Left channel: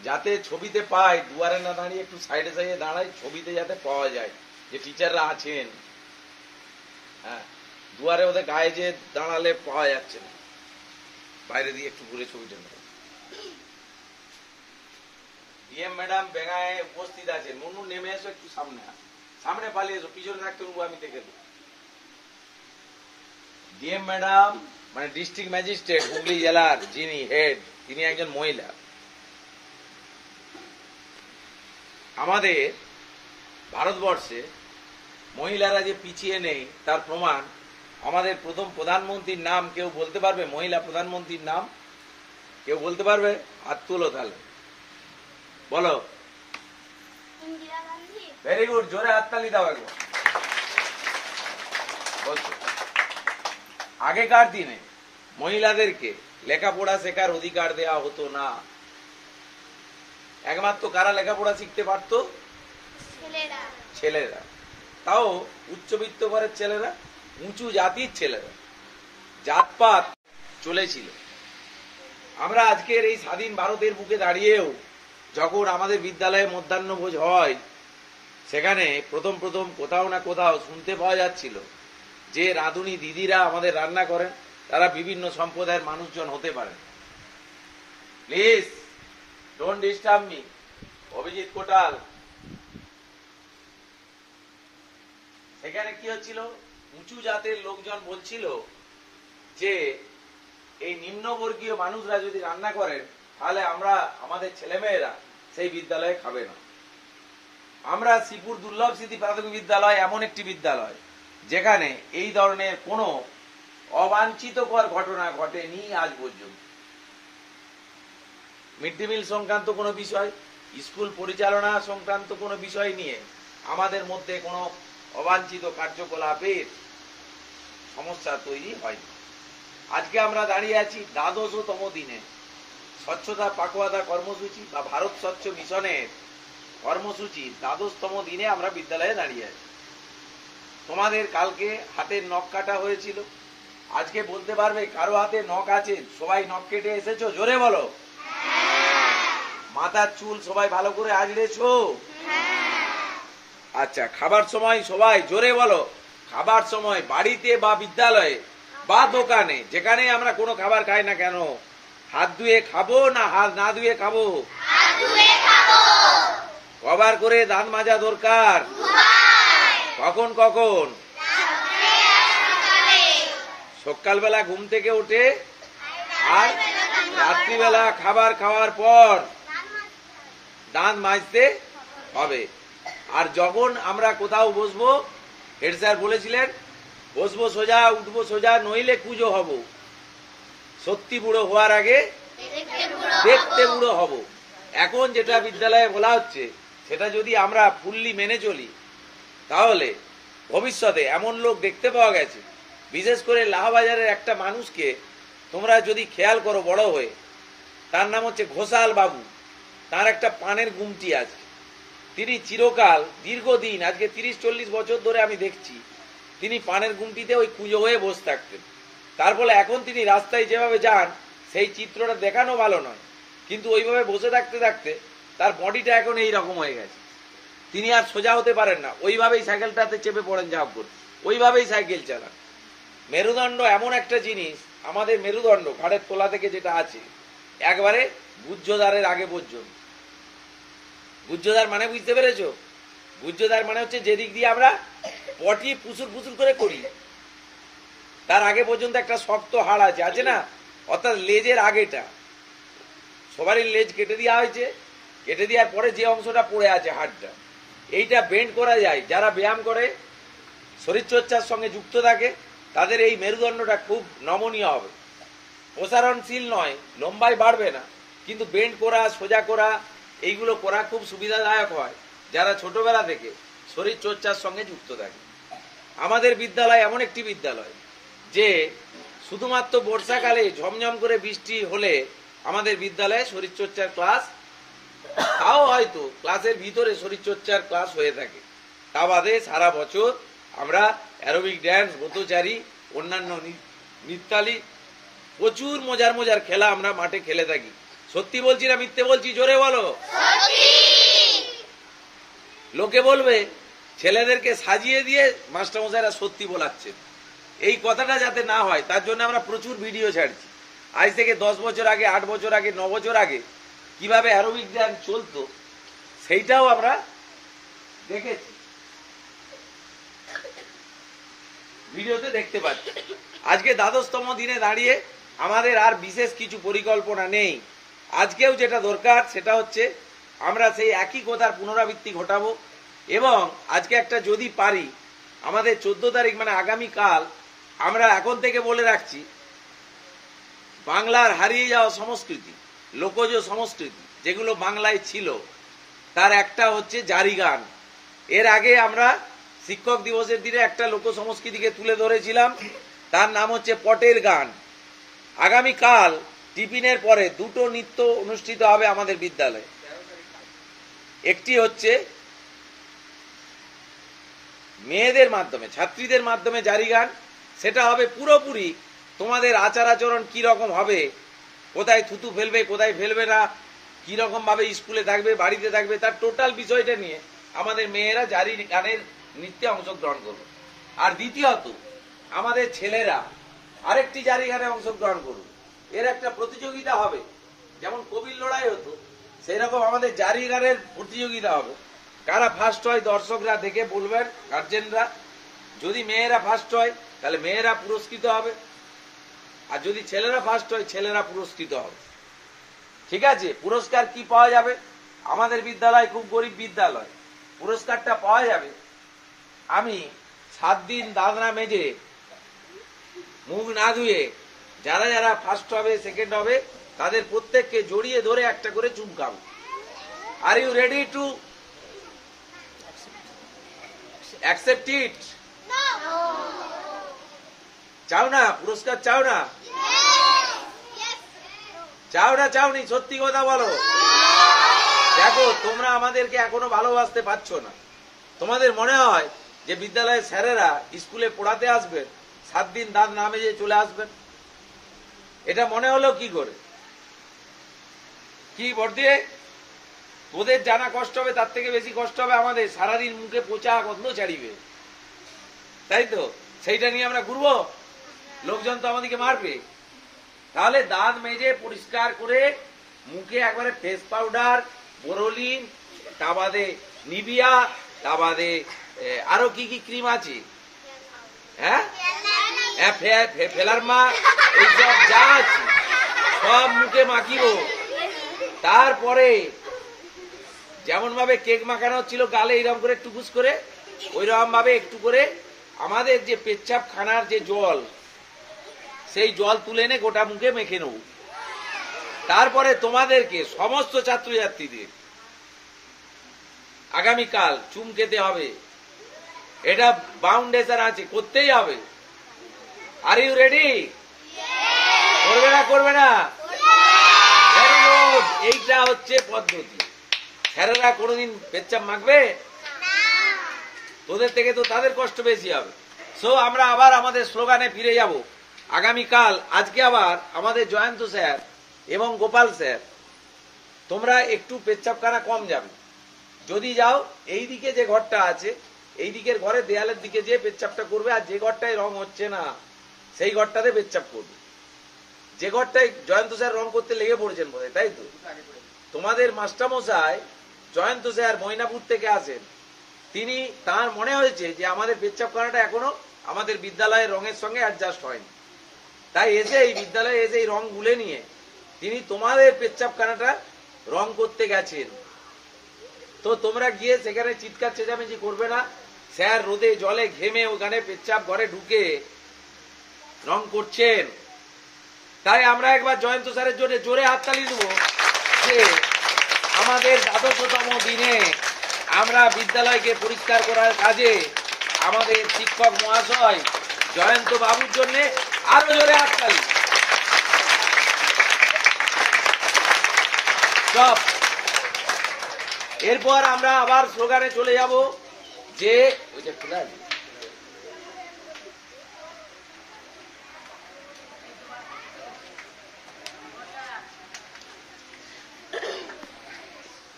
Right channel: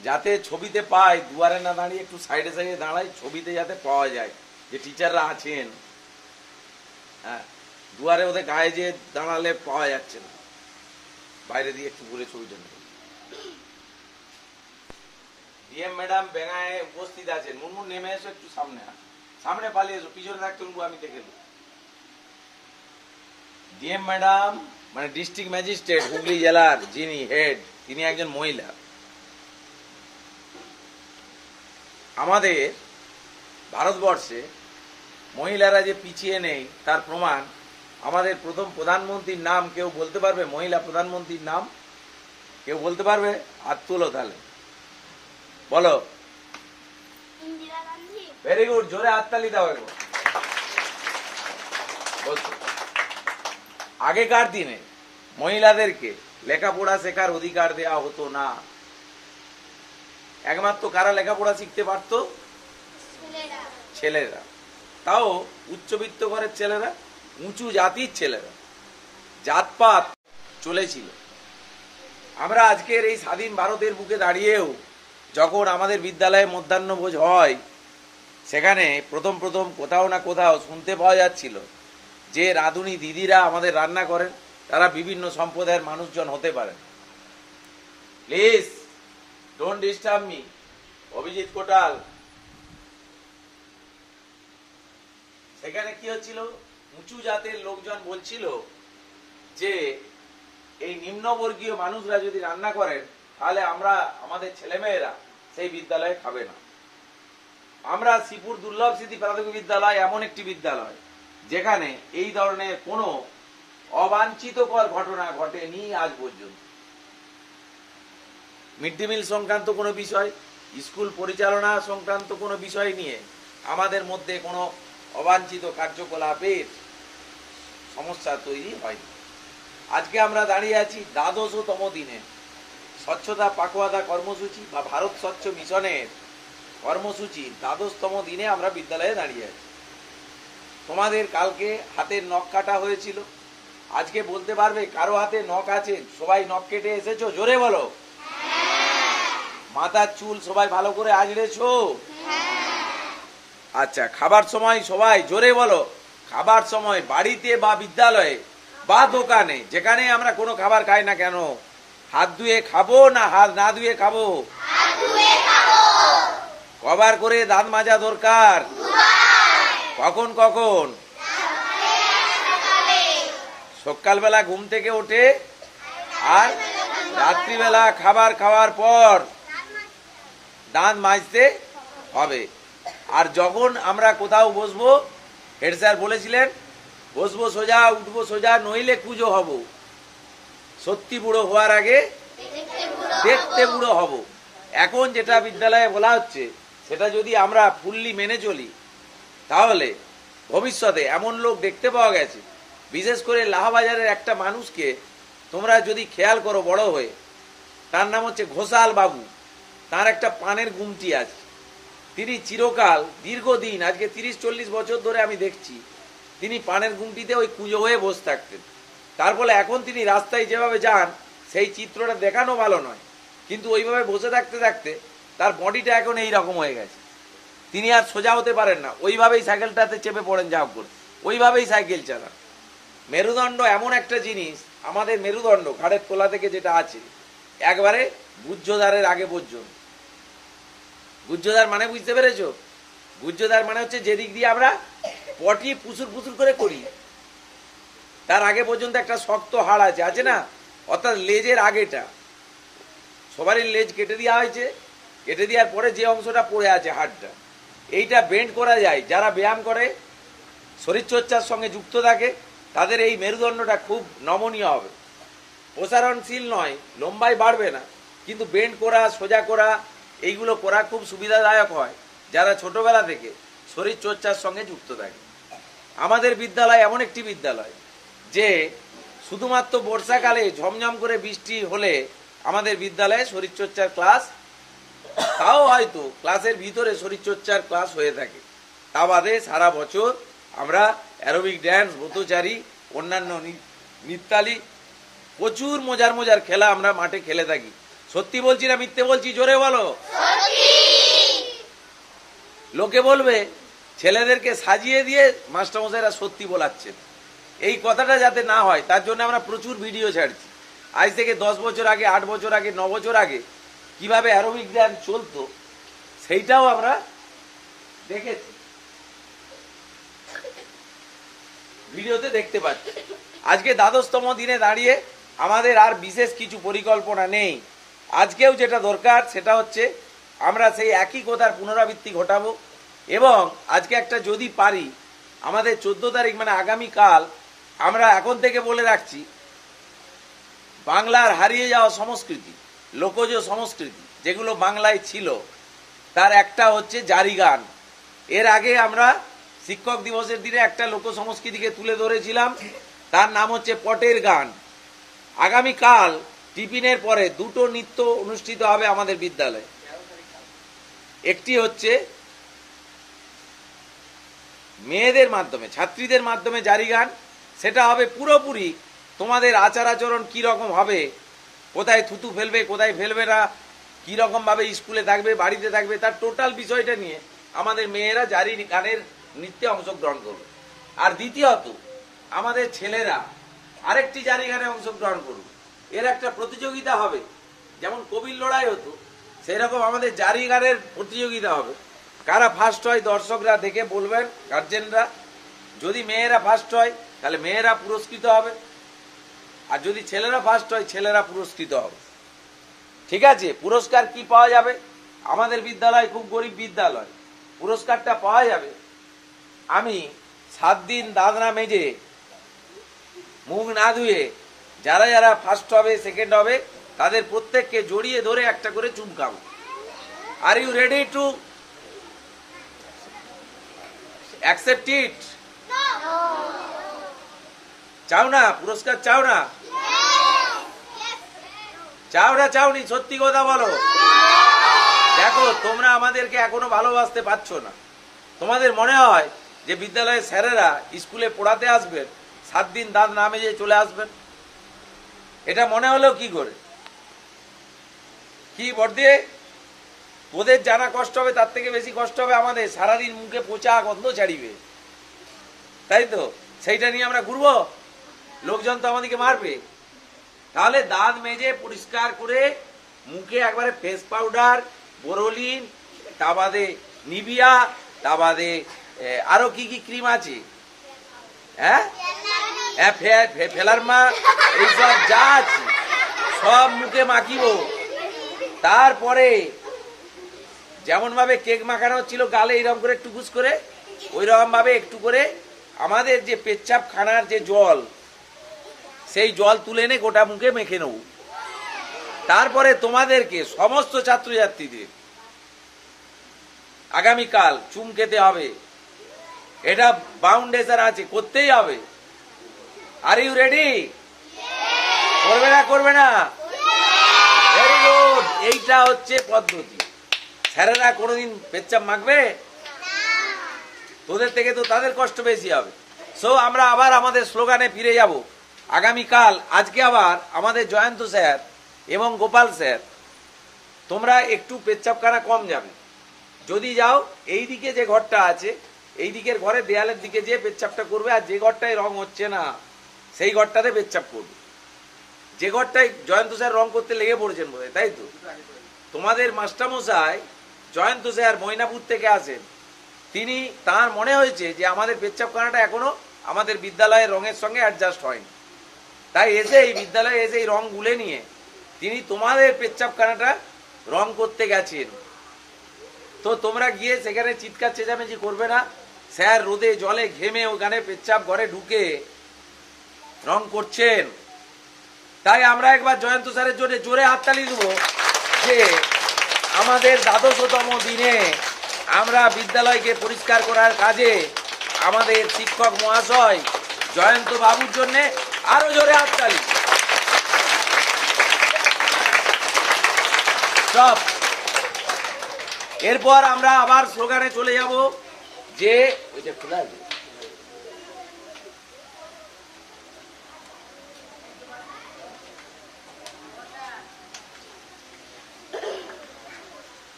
যাতে ছবিতে পায়, দুয়ারে না দাঁড়িয়ে একটু সাইডে সাইডে দাঁড়ায়, ছবিতে যাতে পাওয়া যায় যে টিচাররা আছেন। হ্যাঁ, দুয়ারে ওদের গায়ে যে দাঁড়ালে পাওয়া যাচ্ছে না, বাইরে দিয়ে একটু ঘুরে ছবিটা নেবে। ডিএম ম্যাডাম বেঙ্গায় উপস্থিত আছেন। মুনমুন নেমে এসো, একটু সামনে সামনে পালিয়ে এসো, পিছনে থাকতে আমি দেখে দেবো। ডিএম ম্যাডাম মানে ডিস্ট্রিক্ট ম্যাজিস্ট্রেট হুগলি জেলার যিনি হেড, তিনি একজন মহিলা। আমাদের ভারতবর্ষে মহিলারা যে পিছিয়ে নেই তার প্রমাণ আমাদের প্রথম প্রধানমন্ত্রীর নাম কেউ বলতে পারবে? মহিলা প্রধানমন্ত্রীর নাম কেউ বলতে পারবে? হাত তুলো তাহলে, বলো। ভেরি গুড, জোরে হাততালি দাও একবার। আগেকার দিনে মহিলাদেরকে লেখাপড়া শেখার অধিকার দেওয়া হতো না। একমাত্র কারা লেখাপড়া শিখতে পারত? ছেলেরা। তাও উচ্চবিত্ত ঘরের ছেলেরা, উঁচু জাতির ছেলেরা। জাতপাত চলেছিল। আমরা আজকের এই স্বাধীন ভারতের বুকে দাঁড়িয়েও যখন আমাদের বিদ্যালয়ে মধ্যাহ্নভোজ হয়, সেখানে প্রথম প্রথম কোথাও না কোথাও শুনতে পাওয়া যাচ্ছিল যে রাঁধুনি দিদিরা আমাদের রান্না করেন, তারা বিভিন্ন সম্প্রদায়ের মানুষজন হতে পারেন। Please don't disturb me. Abhijit Kotal. সেখানে কি হচ্ছিল? উঁচু জাতের লোকজন বলছিল যে এই নিম্নবর্গীয় মানুষরা যদি রান্না করেন তাহলে আমরা, আমাদের ছেলেমেয়েরা সেই বিদ্যালয়ে খাবে না। আমরা শ্রীপুর দুর্লভ স্মৃতি প্রাথমিক বিদ্যালয় এমন একটি বিদ্যালয় যেখানে এই ধরনের কোনো অবাঞ্ছিতকর ঘটনা ঘটেনি আজ পর্যন্ত। মিড ডে মিল সংক্রান্ত কোনো বিষয়, স্কুল পরিচালনা সংক্রান্ত কোনো বিষয় নিয়ে আমাদের মধ্যে কোনো অবাঞ্ছিত কার্যকলাপের সমস্যা তৈরি হয়নি। আজকে আমরা দাঁড়িয়ে আছি দ্বাদশতম দিনে স্বচ্ছতা পাখোয়াদা কর্মসূচি বা ভারত স্বচ্ছ মিশনের কর্মসূচি দ্বাদশতম দিনে আমরা বিদ্যালয়ে দাঁড়িয়ে আছি। তোমাদের কালকে হাতের নখ কাটা হয়েছিল। আজকে বলতে পারবে কারো হাতে নখ আছে? সবাই নখ কেটে এসেছো? জোরে বলো। মাথার চুল সবাই ভালো করে আঁচড়েছো? আচ্ছা, খাবার সময় সবাই জোরে বলো। খাবার সময় বাড়িতে বা বিদ্যালয়ে বা দোকানে যেখানে আমরা কোনো খাবার খাই না কেন, হাত ধুয়ে খাবো না হাত না ধুয়ে খাবো? কবার করে দাঁত মাজা দরকার? কখন কখন? সকালবেলা ঘুম থেকে উঠে আর রাত্রিবেলা খাবার খাওয়ার পর দাঁত মাজতে হবে। আর যখন আমরা কোথাও বসবো, হেড স্যার বলেছিলেন বসবো সোজা উঠবো সোজা, নইলে কুজো হব। সত্যি বুড়ো হওয়ার আগে দেখতে বুড়ো হব। এখন যেটা বিদ্যালয়ে বলা হচ্ছে সেটা যদি আমরা ফুললি মেনে চলি তাহলে ভবিষ্যতে এমন লোক দেখতে পাওয়া গেছে, বিশেষ করে লাহাবাজারের একটা মানুষকে তোমরা যদি খেয়াল করো বড় হয়ে, তার নাম হচ্ছে ঘোষাল বাবু। তার একটা পানের গুমটি আছে। তিনি চিরকাল দীর্ঘদিন, আজকে 30-40 বছর ধরে আমি দেখছি, তিনি পানের গুমটিতে ওই কুঁজো হয়ে বসে থাকতেন। তার ফলে এখন তিনি রাস্তায় যেভাবে যান সেই চিত্রটা দেখানো ভালো নয়, কিন্তু ওইভাবে বসে থাকতে থাকতে তার বডিটা এখন এইরকম হয়ে গেছে। তিনি আর সোজা হতে পারেন না, ওইভাবেই সাইকেলটাতে চেপে পড়েন, ঝাঁপ করে ওইভাবেই সাইকেল চালান। মেরুদণ্ড এমন একটা জিনিস, আমাদের মেরুদণ্ড ঘাড়ের তোলা থেকে যেটা আছে একবারে গুহ্যদ্বারের আগে পর্যন্ত। গুহ্যদ্বার মানে বুঝতে পেরেছো? গুহ্যদ্বার মানে হচ্ছে যেদিক দিয়ে আমরা পটি পুসুর পুসুর করে করি, তার আগে পর্যন্ত একটা শক্ত হাড় আছে, আছে না? অর্থাৎ লেজের আগেটা। সবারই লেজ কেটে দেওয়া হয়েছে, কেটে দেওয়ার পরে যে অংশটা পড়ে আছে হাড়টা, এইটা বেন্ড করা যায়। যারা ব্যায়াম করে, শরীরচর্চার সঙ্গে যুক্ত থাকে, তাদের এই মেরুদণ্ডটা খুব নমনীয় হবে। প্রসারণশীল নয়, লম্বাই বাড়বে না, কিন্তু বেন্ড করা, সোজা করা, এইগুলো করা খুব সুবিধাদায়ক হয় যারা ছোটবেলা থেকে শরীরচর্চার সঙ্গে যুক্ত থাকে। আমাদের বিদ্যালয় এমন একটি বিদ্যালয় যে শুধুমাত্র বর্ষাকালে ঝমঝম করে বৃষ্টি হলে আমাদের বিদ্যালয়ে শরীরচর্চার ক্লাস, তাও হয়তো ক্লাসের ভিতরে শরীরচর্চার ক্লাস হয়ে থাকে। তা বাদে সারা বছর আমরা অ্যারোবিক ড্যান্স, ব্রতচারী, অন্যান্য নৃত্যালী, প্রচুর মজার মজার খেলা আমরা মাঠে খেলে থাকি। সত্যি বলছি না মিথ্যে বলছি? জোরে বলো। লোকে বলবে ছেলেদেরকে সাজিয়ে দিয়ে মাস্টারমশাইরা সত্যি বলাচ্ছে। এই কথাটা যাতে না হয় তার জন্য আমরা প্রচুর ভিডিও ছাড়ছি। আজ থেকে 10 বছর আগে, 8 বছর আগে, 9 বছর আগে কিভাবে অ্যারোবিক ড্যান্স চলতো সেইটাও আমরা দেখেছি, ভিডিওতে দেখতে পাচ্ছি। আজকে 12তম দিনে দাঁড়িয়ে আমাদের আর বিশেষ কিছু পরিকল্পনা নেই। আজকেও যেটা দরকার সেটা হচ্ছে আমরা সেই একই কথার পুনরাবৃত্তি ঘটাবো এবং আজকে একটা যদি পারি আমাদের 14 তারিখ মানে আগামীকাল আমরা এখন থেকে বলে রাখছি বাংলার হারিয়ে যাওয়া সংস্কৃতি, লোকজ সংস্কৃতি যেগুলো বাংলায় ছিল তার একটা হচ্ছে জারি গান। এর আগে আমরা শিক্ষক দিবসের দিনে একটা লোক সংস্কৃতিকে তুলে ধরেছিলাম, তার নাম হচ্ছে পটের গান। আগামীকাল টিফিনের পরে দুটো নৃত্য অনুষ্ঠিত হবে আমাদের বিদ্যালয়ে। একটি হচ্ছে মেয়েদের মাধ্যমে, ছাত্রীদের মাধ্যমে জারি গান, সেটা হবে পুরোপুরি তোমাদের আচার আচরণ কি রকম হবে, কোথায় থুতু ফেলবে কোথায় ফেলবে না, কি রকম ভাবে স্কুলে থাকবে বাড়িতে থাকবে, তার টোটাল বিষয়টা নিয়ে আমাদের মেয়েরা জারি গানের নৃত্যে অংশগ্রহণ করবে। আর দ্বিতীয়ত আমাদের ছেলেরা আরেকটি জারি গানে অংশগ্রহণ করবে। এর একটা প্রতিযোগিতা হবে, যেমন কবির লড়াই হতো সেরকম আমাদের জারি গানের প্রতিযোগিতা হবে। কারা ফার্স্ট হয় দর্শকরা দেখে বলবেন, গার্জেনরা। যদি মেয়েরা ফার্স্ট হয় তাহলে মেয়েরা পুরস্কৃত হবে, আর যদি ছেলেরা ফার্স্ট হয় ছেলেরা পুরস্কৃত হবে। ঠিক আছে? পুরস্কার কি পাওয়া যাবে? আমাদের বিদ্যালয় খুব গরিব বিদ্যালয়, পুরস্কারটা পাওয়া যাবে আমি 7 দিন দাঁত না মেজে মুখ না ধুয়ে যারা যারা ফার্স্ট হবে সেকেন্ড হবে তাদের প্রত্যেককে জড়িয়ে ধরে একটা করে চুমকাবো। Are you ready to accept it? চাও না পুরস্কার? চাও না? চাও না চাওনি? সত্যি কথা বলো। দেখো তোমরা আমাদেরকে এখনো ভালোবাসতে পারছো না। তোমাদের মনে হয় যে বিদ্যালয়ের স্যারেরা স্কুলে পড়াতে আসবেন, 7 দিন দাঁত না মেজে চলে আসবেন। এটা মনে হলো কি করে? কি বর্দে, তোদের জানা কষ্ট হবে তার থেকে বেশি কষ্ট হবে আমাদের। সারাদিন মুখে পচা গন্ধ ছাড়িবে, তাই তো? সেইটা নিয়ে আমরা ঘুরবো, লোকজন তো আমাদেরকে মারবে। তাহলে দাঁত মেজে পরিষ্কার করে মুখে একবারে ফেস পাউডার, বোরোলিন, তা বাদে নিভিয়া, তা বাদে আরো কি কি ক্রিম আছে, হ্যাঁ, ফেলারমা, এইসব যা আছে সব মুখে মাখিব। তারপরে যেমন ভাবে কেক মাখানো ছিল গালে এইরকম করে একটু ঘুষ করে, ওই রকম ভাবে একটু করে আমাদের যে পেচ্ছাপ খানার যে জল, সেই জল তুলে এনে গোটা মুখে মেখে নেব। তারপরে তোমাদেরকে সমস্ত ছাত্রছাত্রীদের আগামীকাল চুম খেতে হবে। এটা বাউন্ডেশন আছে, করতেই হবে। Are you ready? করবে না? করবে না? এইটা হচ্ছে পদ্ধতি। স্যারেরা কোনোদিন পেচ্ছাপ মাখবে? তোদের থেকে তো তাদের কষ্ট বেশি হবে। সো আমরা আবার আমাদের স্লোগানে ফিরে যাব আগামীকাল। আজকে আবার আমাদের জয়ন্ত স্যার এবং গোপাল স্যার, তোমরা একটু পেচ্ছাপখানা কম যাবে। যদি যাও এই দিকে যে ঘরটা আছে, এই দিকের ঘরে দেয়ালের দিকে যে পেচ্ছাপটা করবে, আর যে ঘরটায় রং হচ্ছে না সেই ঘরটাতে পেচ্ছাপ করবে। যে ঘরটায় জয়ন্ত স্যার রং করতে লেগে পড়েছেন বোধ হয়, তাই তো? তোমাদের মাস্টারমশাই জয়ন্ত স্যার ময়নাপুর থেকে আসেন, তিনি তার মনে হয়েছে যে আমাদের পেচ্ছাপখানাটা এখনো আমাদের বিদ্যালয়ের রঙের সঙ্গে অ্যাডজাস্ট হয়নি, তাই এসে এই বিদ্যালয়ে এসে এই রং গুলে নিয়ে তিনি তোমাদের পেচ্ছাপখানাটা রং করতে গেছেন। তো তোমরা গিয়ে সেখানে চিৎকার চেঁচামেচি করবে না। স্যার রোদে জলে ঘেমে ওখানে পেচ্ছাপ ঘরে ঢুকে রং করছেন। তাই আমরা একবার জয়ন্ত স্যারের জন্য জোরে হাততালি দেব যে আমাদের 12তম দিনে আমরা বিদ্যালয়কে পরিষ্কার করার কাজে আমাদের শিক্ষক মহাশয় জয়ন্ত বাবুর জন্য আরো জোরে হাততালি। সব এরপর আমরা আবার স্লোগানে চলে যাব যে ওইটা খোলা আছে,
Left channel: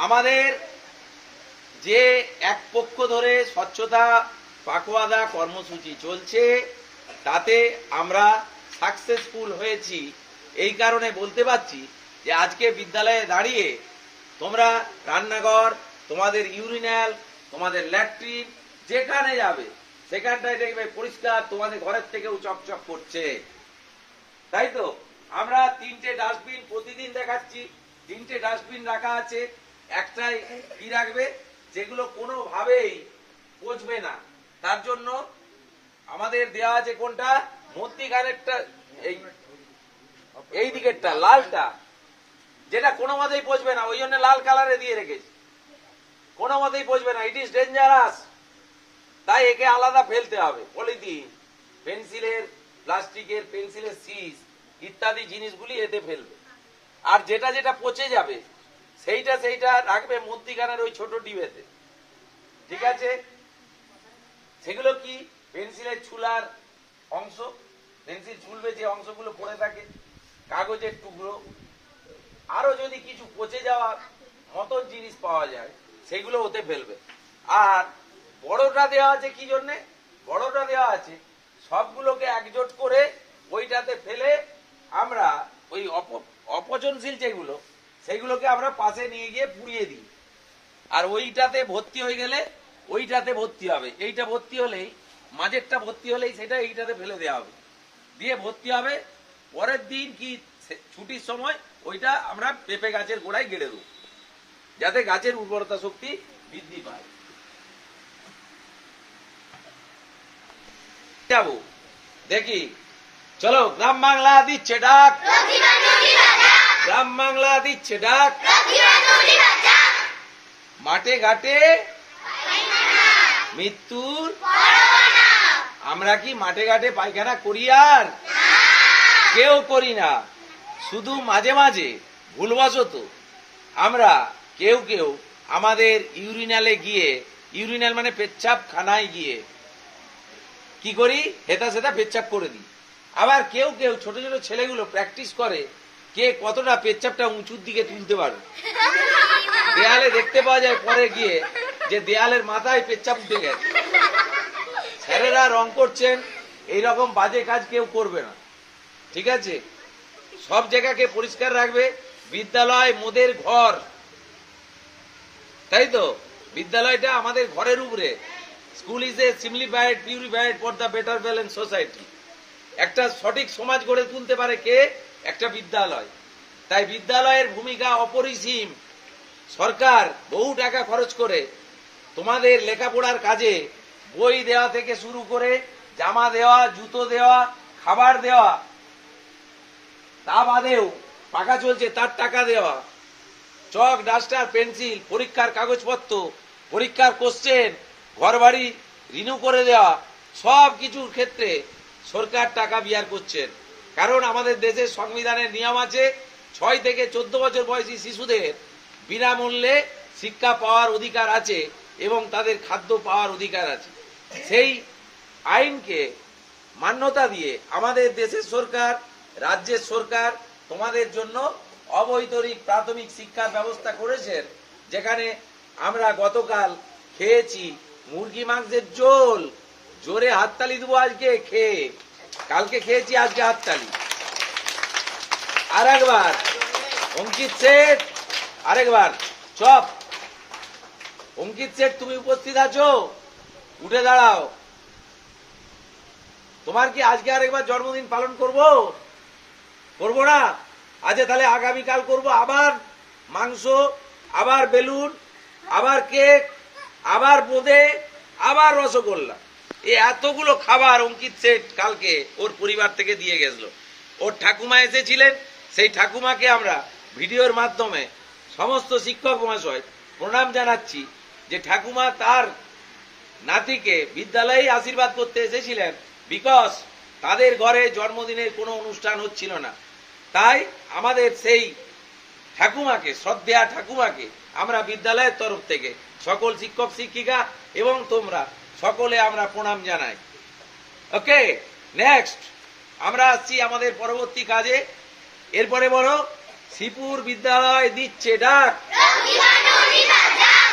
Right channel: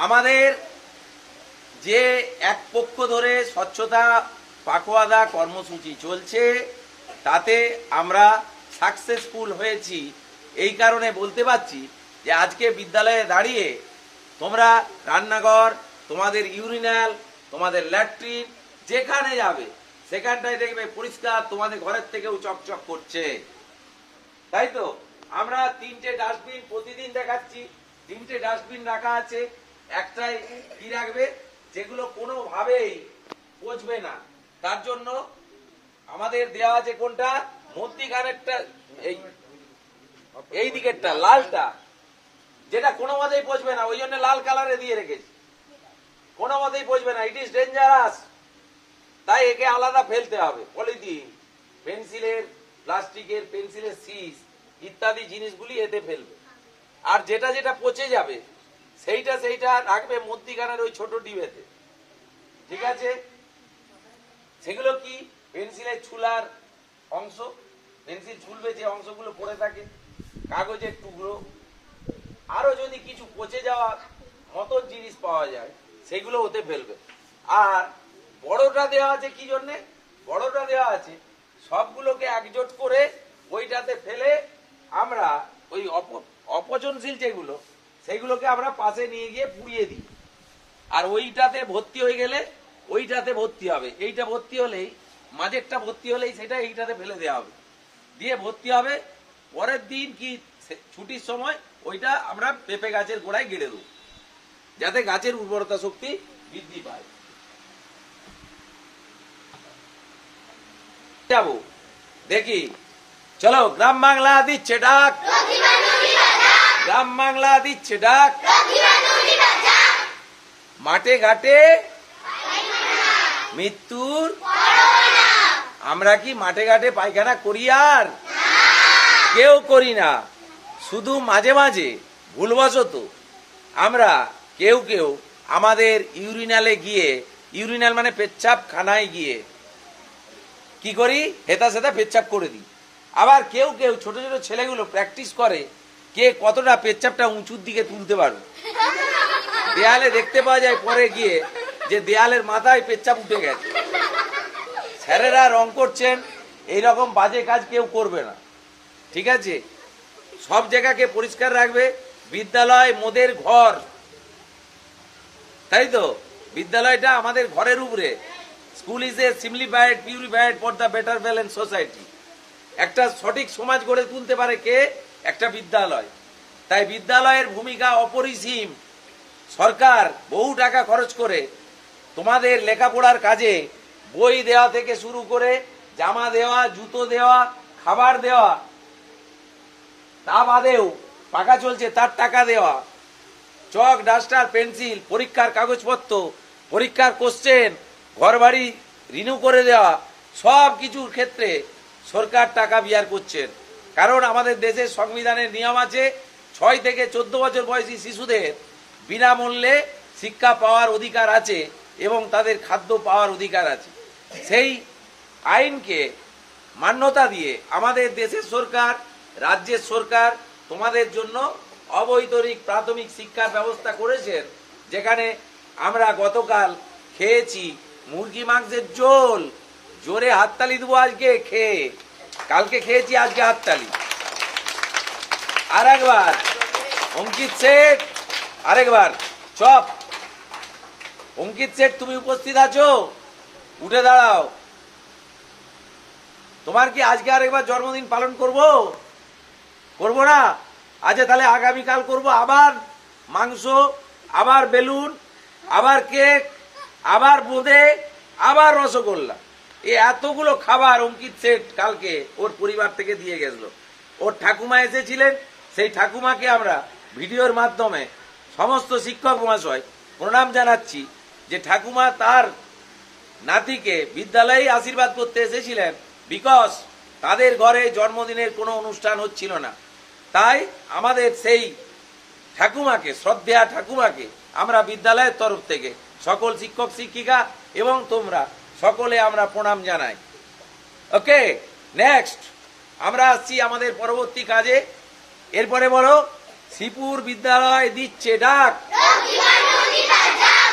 আমাদের যে এক পক্ষ ধরে স্বচ্ছতা পাখোয়াদা কর্মসূচি চলছে তাতে আমরা সাকসেসফুল হয়েছি। এই কারণে বলতে পারছি যে আজকে বিদ্যালয়ে দাঁড়িয়ে তোমরা রান্নাঘর, তোমাদের ইউরিনাল, তোমাদের ল্যাট্রিন যেখানে যাবে সেখানটায় দেখবে পরিষ্কার, তোমাদের ঘরের থেকেও চকচক করছে, তাই তো? আমরা 3টে ডাস্টবিন প্রতিদিন দেখাচ্ছি, 3টে ডাস্টবিন রাখা আছে। একটাই কি রাখবে, যেগুলো কোনোভাবেই পচবে না, তার জন্য আমাদের দেওয়া আছে কোনটা, মধ্যিখানেরটা, এই দিকেরটা লালটা, যেটা কোনো মতেই পচবে না, ওই জন্য লাল কালারে দিয়ে রেখেছি। কোনো মতেই পচবে না, ইট ইজ ডেঞ্জারাস, তাই একে আলাদা ফেলতে হবে। পলিথিন, পেন্সিলের, প্লাস্টিকের পেন্সিলের সিস ইত্যাদি জিনিসগুলি এতে ফেলবে। আর যেটা যেটা পচে যাবে সেইটা রাখবে মধ্যিখানের ওই ছোট ডিবেতে, ঠিক আছে? সেগুলো কি, পেন্সিলের ছুলার অংশ, পেন্সিল ছুলবে যে অংশগুলো পড়ে থাকে, কাগজের টুকরো, আরো যদি কিছু পচে যাওয়ার মতন জিনিস পাওয়া যায় সেগুলো ওতে ফেলবে। আর বড়টা দেওয়া আছে কি জন্যে, বড়টা দেওয়া আছে সবগুলোকে একজোট করে ওইটাতে ফেলে আমরা ওই অপচনশীল যেগুলো সেইগুলোকে আমরা পাশে নিয়ে গিয়ে পুড়িয়ে দিই। আর ওইটাতে ভর্তি হয়ে গেলে ওইটাতে ভর্তি হবে, এইটা ভর্তি হলেই, মাঝেরটা ভর্তি হলেই সেটা এইটাতে ফেলে দেওয়া হবে, দিয়ে ভর্তি হবে। পরের দিন কি ছুটির সময় ওইটা আমরা পেঁপে গাছের গোড়ায় গেড়ে দেবো, যাতে গাছের উর্বরতা শক্তি বৃদ্ধি পায়। যাবো দেখি, চলো, গ্রাম বাংলা দিচ্ছে ডাক, গ্রাম বাংলা দিচ্ছে ডাক, মাঠে ঘাটে মৃত্যুর, আমরা কি মাঠে ঘাটে পায়খানা করি? আর কেউ করি না, শুধু মাঝে মাঝে ভুলবশত আমরা কেউ কেউ আমাদের ইউরিনালে গিয়ে, ইউরিনাল মানে পেচ্ছাপ খানায় গিয়ে কি করি, হেতা সেতা পেচ্ছাপ করে দিই। আবার কেউ কেউ ছোট ছোট ছেলেগুলো প্র্যাকটিস করে কে কতটা পেচ্ছাপটা উঁচুর দিকে তুলতে পারবে। দেয়ালে দেখতে পাওয়া যায় পরে গিয়ে যে দেয়ালের মাথায় পেচ্ছাপ উঠে গেছে। স্যারেরা রং করছেন, এইরকম বাজে কাজ কেউ করবে না, ঠিক আছে? সব জায়গাকে পরিষ্কার রাখবে। বিদ্যালয় মোদের ঘর, তাই তো? বিদ্যালয়টা আমাদের ঘরের উপরে। School is a simplified, purified for the better balance society. একটা সঠিক সমাজ গড়ে তুলতে পারে কে? একটা বিদ্যালয়। তাই বিদ্যালয়ের ভূমিকা অপরিসীম। সরকার বহু টাকা খরচ করে তোমাদের লেখাপড়ার কাজে বই দেওয়া থেকে শুরু করে জামা দেওয়া, জুতো দেওয়া, খাবার দেওয়া, তা বাদেও পাকা চলছে তার টাকা দেওয়া, চক, ডাস্টার, পেন্সিল, পরীক্ষার কাগজপত্র, পরীক্ষার কোশ্চেন, ঘর বাড়ি রিনিউ করে দেওয়া, সব কিছুর ক্ষেত্রে সরকার টাকা বিয়ার করছেন। কারণ আমাদের দেশের সংবিধানের নিয়ম আছে 6 থেকে 14 বছর বয়সী শিশুদের বিনামূল্যে শিক্ষা পাওয়ার অধিকার আছে এবং তাদের খাদ্য পাওয়ার অধিকার আছে। সেই আইনকে মান্যতা দিয়ে আমাদের দেশের সরকার, রাজ্যের সরকার তোমাদের জন্য অবৈতনিক প্রাথমিক শিক্ষার ব্যবস্থা করেছেন, যেখানে আমরা গতকাল খেয়েছি মুরগি মাংসের ঝোল। জোরে হাততালি দেবো আজকে খেয়ে, কালকে খেয়েছি, আজকে হাততালি। আর একবার অঙ্কিত শেঠ, আরেকবার চপ। অঙ্কিত শেঠ, তুমি উপস্থিত আছো? উঠে দাঁড়াও। তোমার কি আজকে আরেকবার জন্মদিন পালন করবো? করবো না? আচ্ছা, তাহলে আগামীকাল করবো। আবার মাংস, আবার বেলুন, আবার কেক, আবার বোঁদে, আবার রসগোল্লা। এই এতগুলো খাবার অঙ্কিত শেঠ কালকে ওর পরিবার থেকে দিয়ে গেছিল। ওর ঠাকুমা এসেছিলেন, সেই ঠাকুমাকে আমরা ভিডিওর মাধ্যমে সমস্ত শিক্ষক মহাশয় প্রণাম জানাচ্ছি যে ঠাকুমা তার নাতিকে বিদ্যালয়ে আশীর্বাদ করতে এসেছিলেন, বিকজ তাদের ঘরে জন্মদিনের কোনো অনুষ্ঠান হচ্ছিল না। তাই আমাদের সেই ঠাকুমাকে, শ্রদ্ধেয়া ঠাকুমাকে আমরা বিদ্যালয়ের তরফ থেকে সকল শিক্ষক শিক্ষিকা এবং তোমরা সকলে আমরা প্রণাম জানাই। ওকে, নেক্সট আমরা আসছি আমাদের পরবর্তী কাজে। এরপরে বলো, শ্রীপুর বিদ্যালয় দিচ্ছে ডাক।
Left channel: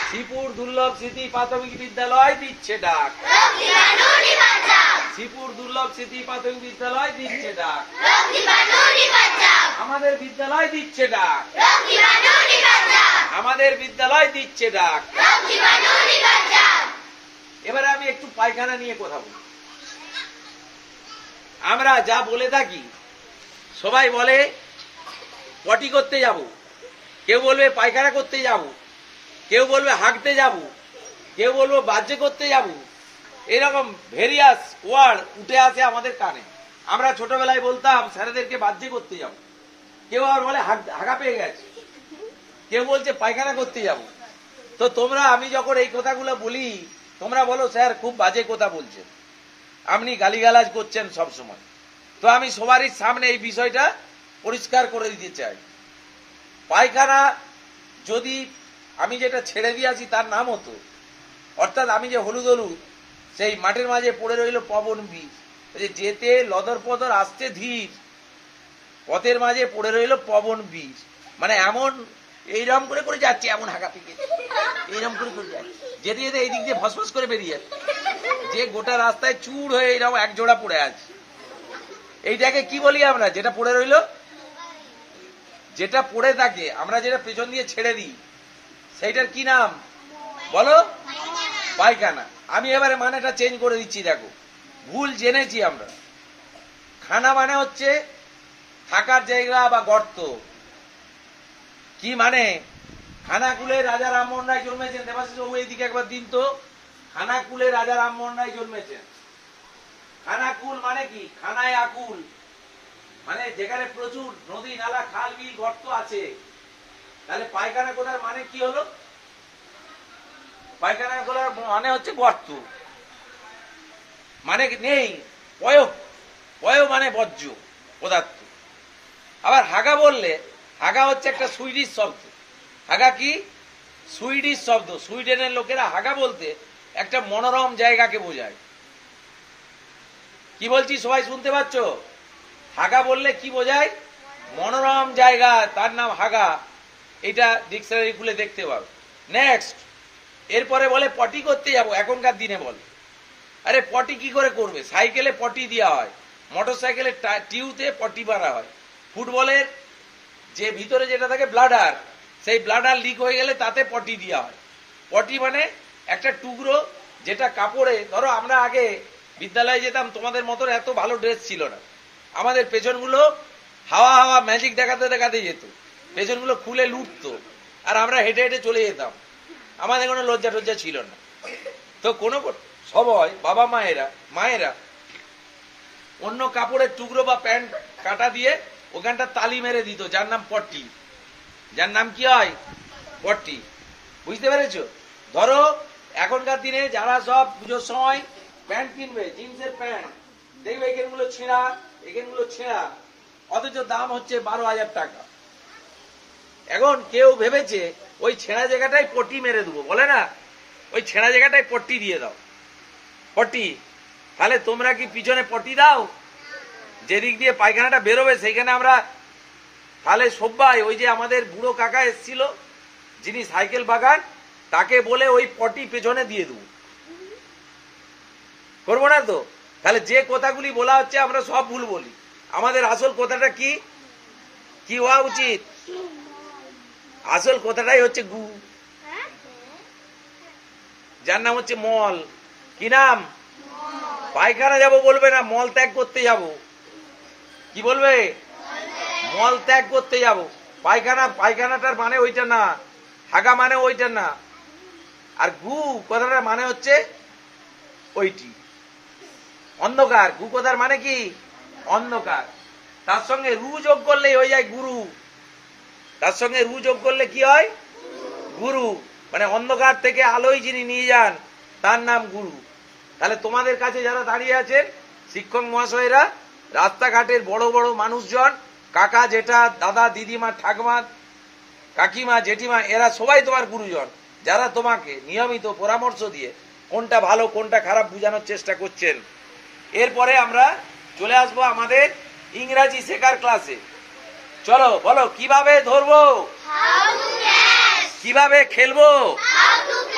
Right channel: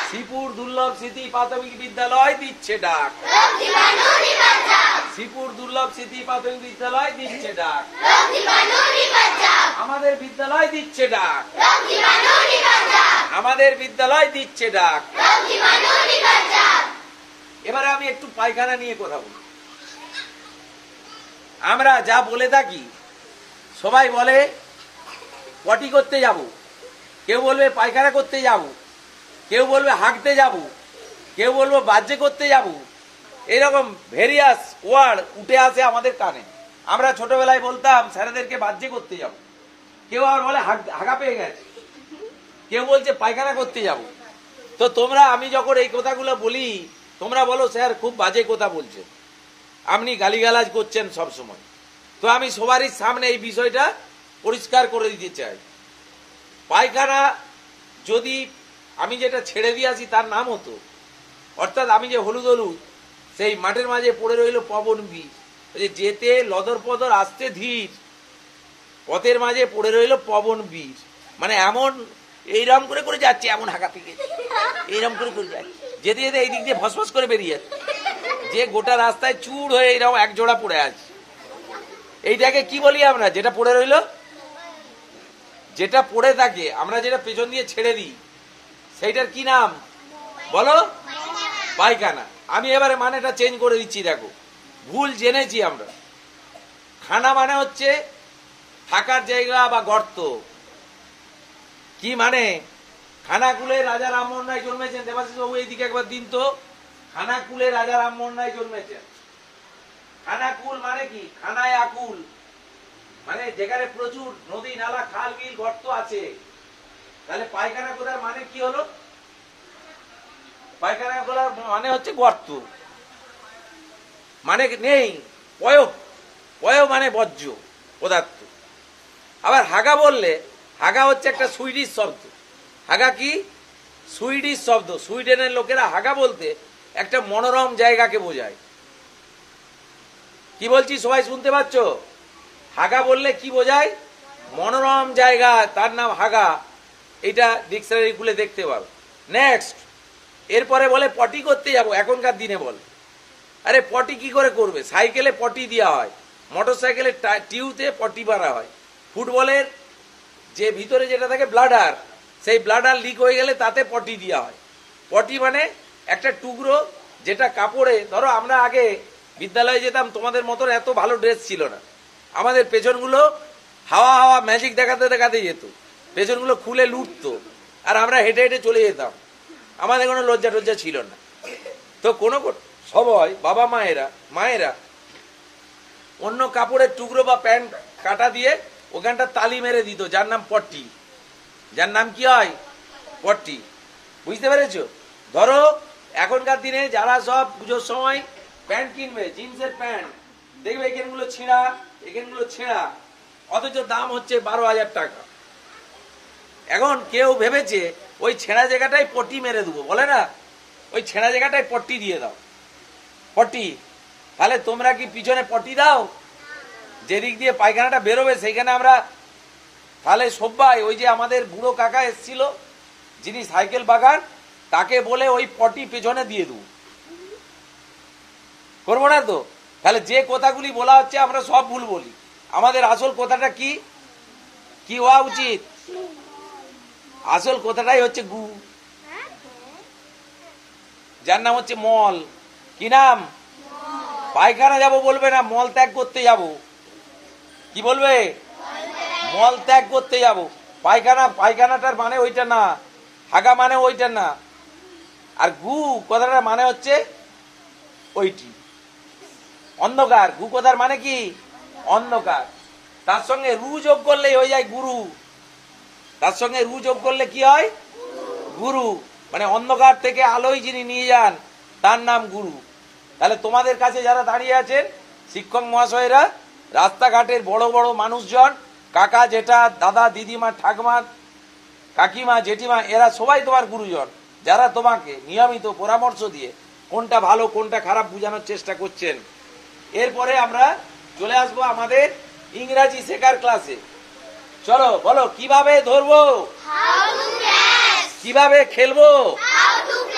শ্রীপুর দুর্লভ স্মৃতি প্রাথমিক বিদ্যালয় দিচ্ছে ডাক, শ্রীপুর দুর্লভ স্মৃতি প্রাথমিক বিদ্যালয় দিচ্ছে ডাক, আমাদের বিদ্যালয় দিচ্ছে ডাক, আমাদের বিদ্যালয় দিচ্ছে ডাক। এবারে আমি একটু পায়খানা নিয়ে কথা বলি। আমরা যা বলে থাকি, সবাই বলে পটি করতে যাব, কেউ বলবে পায়খানা করতে যাব, কেউ বলবে হাঁটতে যাব, কেউ বলবো বাহ্য করতে যাব। এরকম ভেরিয়াস ওয়ার্ড উঠে আসে আমাদের কানে। আমরা ছোটবেলায় বলতাম স্যারেদেরকে বাহ্য করতে যাব, কেউ আবার বলে হাগা পেয়ে গেছে, কেউ বলছে পায়খানা করতে যাব। তো তোমরা, আমি যখন এই কথাগুলো বলি, তোমরা বলো স্যার খুব বাজে কথা বলছেন, আপনি গালিগালাজ করছেন সব সময়। তো আমি সবারই সামনে এই বিষয়টা পরিষ্কার করে দিতে চাই। পায়খানা যদি আমি যেটা ছেড়ে দিয়ে আসি তার নাম হতো, অর্থাৎ আমি যে হলুদ হলুদ সেই মাঠের মাঝে পড়ে রইল পবন বীজ, যেতে লদর পদর আসতে ধীর, পথের মাঝে পড়ে রইল পবন বীজ, মানে এমন এইরকম করে করে যাচ্ছে, এমন হাঁকা পিকে এইরকম করে করে যাচ্ছে, যেতে যেতে এই দিক দিয়ে ফসফস করে বেরিয়ে যাচ্ছে, যে গোটা রাস্তায় চুর হয়ে এইরকম এক জোড়া পড়ে আছে। এইটাকে কি বলি আমরা? যেটা পড়ে রইল, যেটা পড়ে থাকে, আমরা যেটা পেছন দিয়ে ছেড়ে দিই, সেইটার কি নাম বলো? পায়খানা। আমি এবারে মানেটা চেঞ্জ করে দিচ্ছি। দেখো, ভুল জেনেছি আমরা। খানা মানে হচ্ছে থাকার জায়গা বা গর্ত। কি মানে? খানাকুলে রাজা রামমোহন রায় জন্মেছেন। দেবাশিস বাবু এইদিকে একবার দিন তো। খানাকুলে রাজা রামমোহন রায় জন্মেছেন। খানাকুল মানে কি? খানায় আকুল, মানে যেখানে প্রচুর নদী নালা খাল বিল গর্ত আছে। তাহলে পায়খানা কোথার মানে কি হলো? পায়খানা করার মানে হচ্ছে গর্ত, মানে নেই পয়, পয় মানে বর্জ্য পদার্থ। আবার হাগা বললে, হাগা হচ্ছে একটা সুইডিশ শব্দ। হাগা কি? সুইডিশ শব্দ। সুইডেনের লোকেরা হাগা বলতে একটা মনোরম জায়গাকে বোঝায়। কি বলছি সবাই শুনতে পাচ্ছ? হাগা বললে কি বোঝায়? মনোরম জায়গা, তার নাম হাগা। এটা ডিকশনারি খুলে দেখতে পারো। নেক্সট, এরপরে বলে পটি করতে যাব। এখনকার দিনে বলে, আরে পটি কি করে করবে? সাইকেলে পটি দেওয়া হয়, মোটর সাইকেলের টিউতে পটি মারা হয়। ফুটবলের যে ভিতরে যেটা থাকে ব্লাডার, সেই ব্লাডার লিক হয়ে গেলে তাতে পটি দেওয়া হয়। পটি মানে একটা টুকরো, যেটা কাপড়ে, ধরো আমরা আগে বিদ্যালয়ে যেতাম, তোমাদের মতন এত ভালো ড্রেস ছিল না। আমাদের পেছনগুলো হাওয়া হাওয়া ম্যাজিক দেখাতে দেখাতে যেত, পেছনগুলো খুলে লুটতো, আর আমরা হেঁটে হেঁটে চলে যেতাম। আমাদের কোনো লজ্জা টজ্জা ছিল না। তো কোনো সবাই বাবা মায়েরা অন্য কাপড়ের টুকরো বা প্যান্ট কাটা দিয়ে ওখানটা তালি মেরে দিত, যার নাম পট্টি। যার নাম কি হয়? পট্টি। বুঝতে পেরেছ? ধরো এখনকার দিনে যারা সব পুজোর সময় প্যান্ট কিনবে, জিন্সের প্যান্ট, দেখবে এখানগুলো ছেঁড়া, এখানগুলো ছেঁড়া, অথচ দাম হচ্ছে 12,000 টাকা। এখন কেউ ভেবেছে ওই ছেঁড়া জায়গাটাই পট্টি মেরে দেবো, বলে না, ওই ছেঁড়া জায়গাটায় পট্টি দিয়ে দাও, পট্টি। তাহলে তোমরা কি পিছনে পট্টি দাও? যেদিক দিয়ে পায়খানাটা বেরোবে সেইখানে আমরা, তাহলে সবাই, ওই যে আমাদের বুড়ো কাকা এসেছিল যিনি সাইকেল বাগান, তাকে বলে ওই পটি পেছনে দিয়ে দেবো, করবো না তো? তাহলে যে কথাগুলি বলা হচ্ছে আমরা সব ভুল বলি। আমাদের আসল কথাটা কি কি হওয়া উচিত? আসল কথাটাই হচ্ছে গু, যার নাম হচ্ছে মল। কি নাম? পায়খানা যাব বলবে না, মল ত্যাগ করতে যাব। কি বলবে? মল ত্যাগ করতে যাব। পায়খানাটার মানে ওইটা না, হাগা মানে ওইটা না। আর গু কথাটার মানে হচ্ছে ওইটি, অন্ধকার। গু কথার মানে কি? অন্ধকার। তার সঙ্গে রু যোগ করলেই হয়ে যায় গুরু। তার সঙ্গে রু যোগ করলে কি হয়? গুরু। মানে অন্ধকার থেকে আলোয় যিনি নিয়ে যান, তার নাম গুরু। তাহলে তোমাদের কাছে যারা দাঁড়িয়ে আছেন, শিক্ষক মহাশয়রা, রাস্তাঘাটের বড় বড় মানুষজন, কাকা জেঠা দাদা দিদিমা ঠাকুমা কাকিমা জেঠিমা, এরা সবাই তোমার গুরুজন, যারা তোমাকে নিয়মিত পরামর্শ দিয়ে কোনটা ভালো কোনটা খারাপ বোঝানোর চেষ্টা করছেন। এরপরে আমরা চলে আসবো আমাদের ইংরাজি শেখার ক্লাসে। চলো বলো, কিভাবে ধরবো, কিভাবে খেলবো,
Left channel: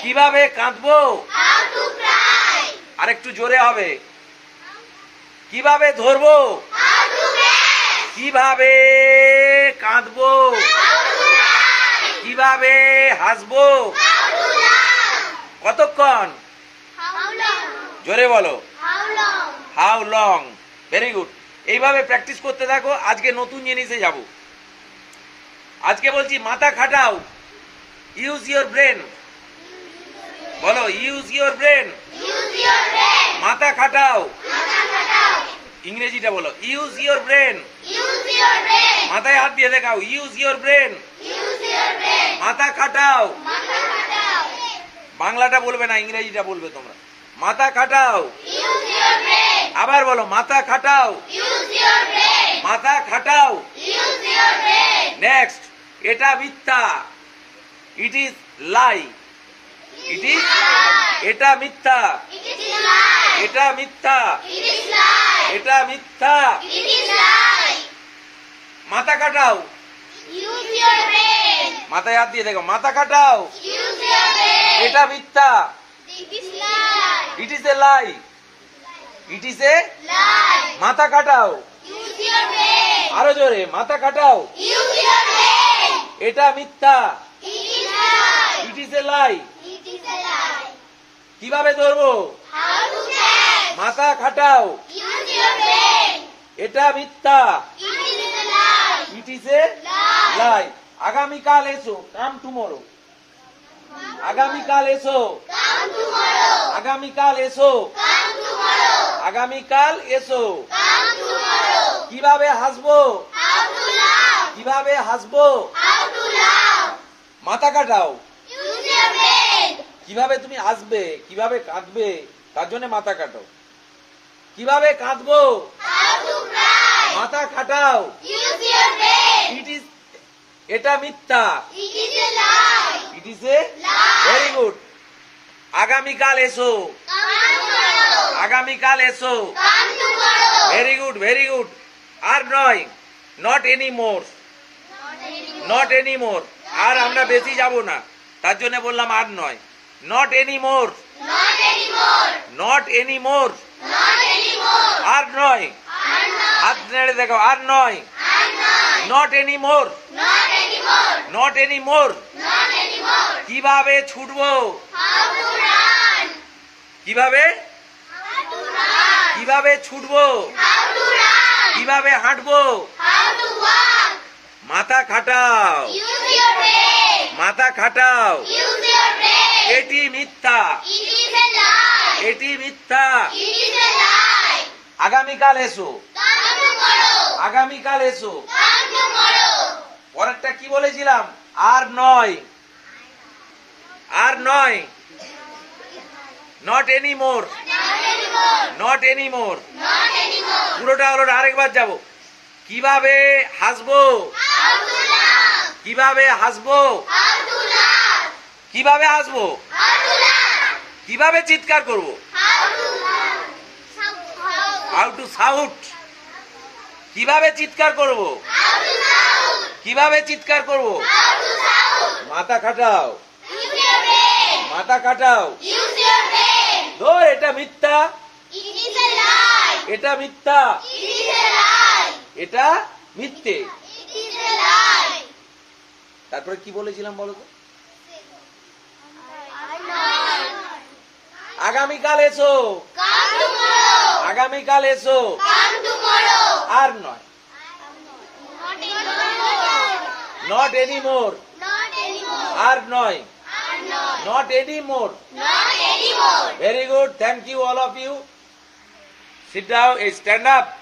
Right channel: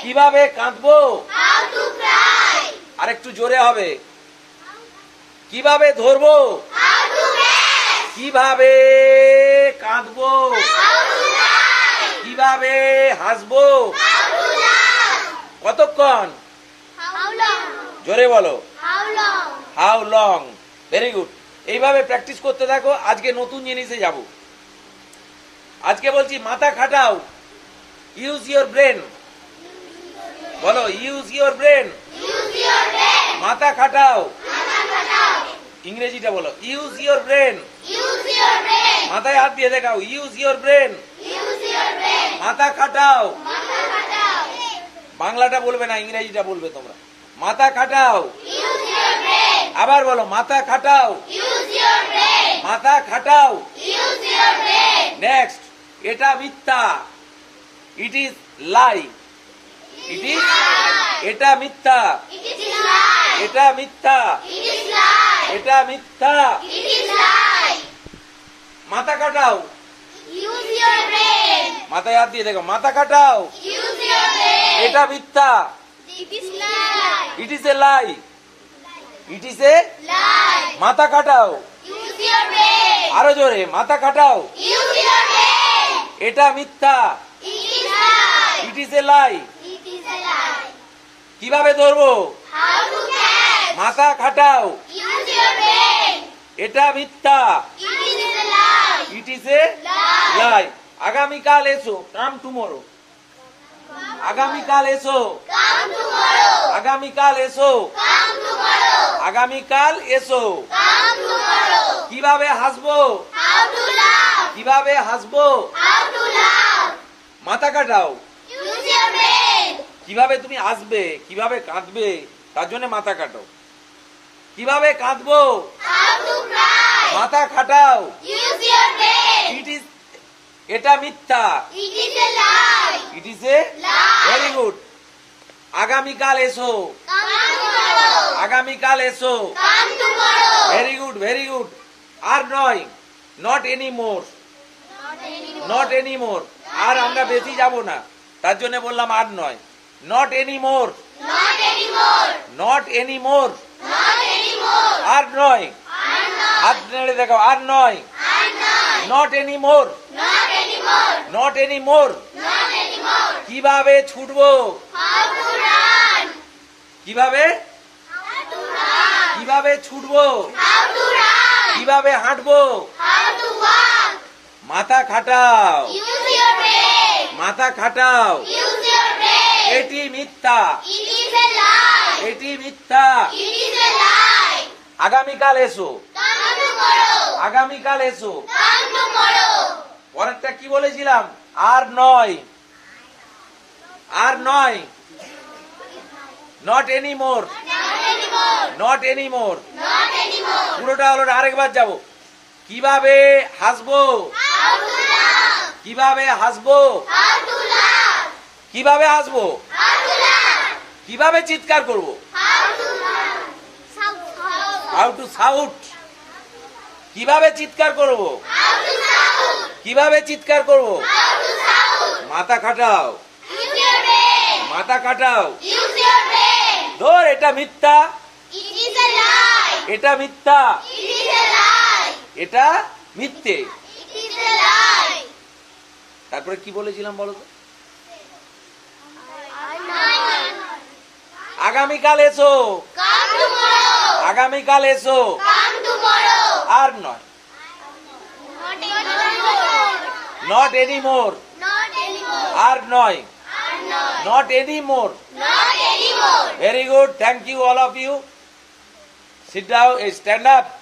কিভাবে কাঁদবো? How to cry. আরেকটু জোরে হবে। কিভাবে ধরবো? How to catch. কিভাবে কাঁদবো? How to lie. কিভাবে হাসবো? How to laugh. কতক্ষণ? How long? জোরে বলো। How long? How long. Very good. এইভাবে প্র্যাকটিস করতে থাকো। আজকে নতুন জিনিসে যাব। আজকে বলছি মাথা খাটাও। Use your brain. বলো use your brain. Use your brain. মাথা খাটাও। মাথা খাটাও। ইংরেজিটা বলো use your brain. Use your brain. মাথায় হাত দিয়ে দেখাও use your brain. Use your brain. মাথা খাটাও। মাথা খাটাও। বাংলাটা বলবে না, ইংরেজিটা বলবে তোমরা। মাথা খাটাও। Use your brain. আবার বলো মাথা খাটাও। Use your brain. মাথা খাটাও। Use your brain. নেক্সট, এটা মিথ্যা। It is lie. It is, এটা মিথ্যা। It is lie. এটা মিথ্যা। It is lie. এটা মিথ্যা। It is lie. মাথা কাটাও। Use your brain. মাথায় হাত দিয়ে দেখো মাথা কাটাও। Use your brain. এটা মিথ্যা। It is lie. It is A lie. It is a, Lie. মাথা কাটাও। Use your brain. আরো জোরে মাথা কাটাও। Use your brain. এটা মিথ্যা। It is lie. It is A lie. It is a lie. কিভাবে ধরবো? How to catch? মাথা খাটাও। Use your brain. এটা মিথ্যা। It is a lie. It is a Lie. Lie. আগামীকাল এসো। Come tomorrow. আগামীকাল এসো। Come tomorrow. আগামীকাল এসো। Come tomorrow. আগামীকাল এসো। Come tomorrow. কিভাবে হাসবো? How to laugh? কিভাবে হাসবো? How to laugh? মাথা কাটাও। Use your brain. কিভাবে তুমি আসবে, কিভাবে কাঁদবে, তার জন্য মাথা কাটো। কিভাবে কাঁদবো? How to cry? মাথা খাটাও। Use your brain. It is, এটা মিথ্যা। It is a lie. It is a, Lie. Very good. আগামীকাল এসো। Come tomorrow. আগামীকাল এসো। Come tomorrow. Very good, very good. আর নয়, not anymore. Not anymore. আর আমরা বেশি যাব না, তার জন্য বললাম আর নয়। Not anymore. Not anymore. Not anymore. Not anymore. আর নয়। I'm not. হাত নেড়ে দেখো আর নয়। I'm not. Not anymore. Not anymore. Not anymore. Not anymore. কিভাবে ছুটবো? How to run? কিভাবে, How to run? কিভাবে ছুটবো? How to run? কিভাবে হাঁটবো? How to walk? মাথা খাটাও। Use your brain. মাথা খাটাও। Use your brain. এটি মিথ্যা। It is a lie. এটি মিথ্যা। It is a lie. আগামীকাল এসো। Come tomorrow. আগামীকাল এসো। Come tomorrow. পরেরটা কি বলেছিলাম? আর নয়। আর নয়। Not anymore. Not anymore. Not anymore. Not anymore. পুরোটা হলো, আরেকবার যাব। কিভাবে হাসবো? How to laugh? কিভাবে হাসবো? How to laugh? কিভাবে হাসবো? How to laugh? কিভাবে চিৎকার করব? How to laugh? How to shout. কিভাবে চিৎকার করব? How to shout? কিভাবে চিৎকার করব? How to shout? মাথা খাটাও। Use your brain. মাথা খাটাও। Use your brain. ধর এটা মিথ্যা। It is a lie. এটা মিথ্যা। It is a lie. এটা মিথ্যে। It is a lie. তারপরে কি বলেছিলাম বলো তো? আগামীকাল এসো। Come tomorrow. আগামীকাল এসো। Come tomorrow. আর নয়। Not anymore. Not anymore. Not anymore. আর নয়। I'm not. Not anymore. Not anymore. Very good. Thank you all of you. Sit down, stand up.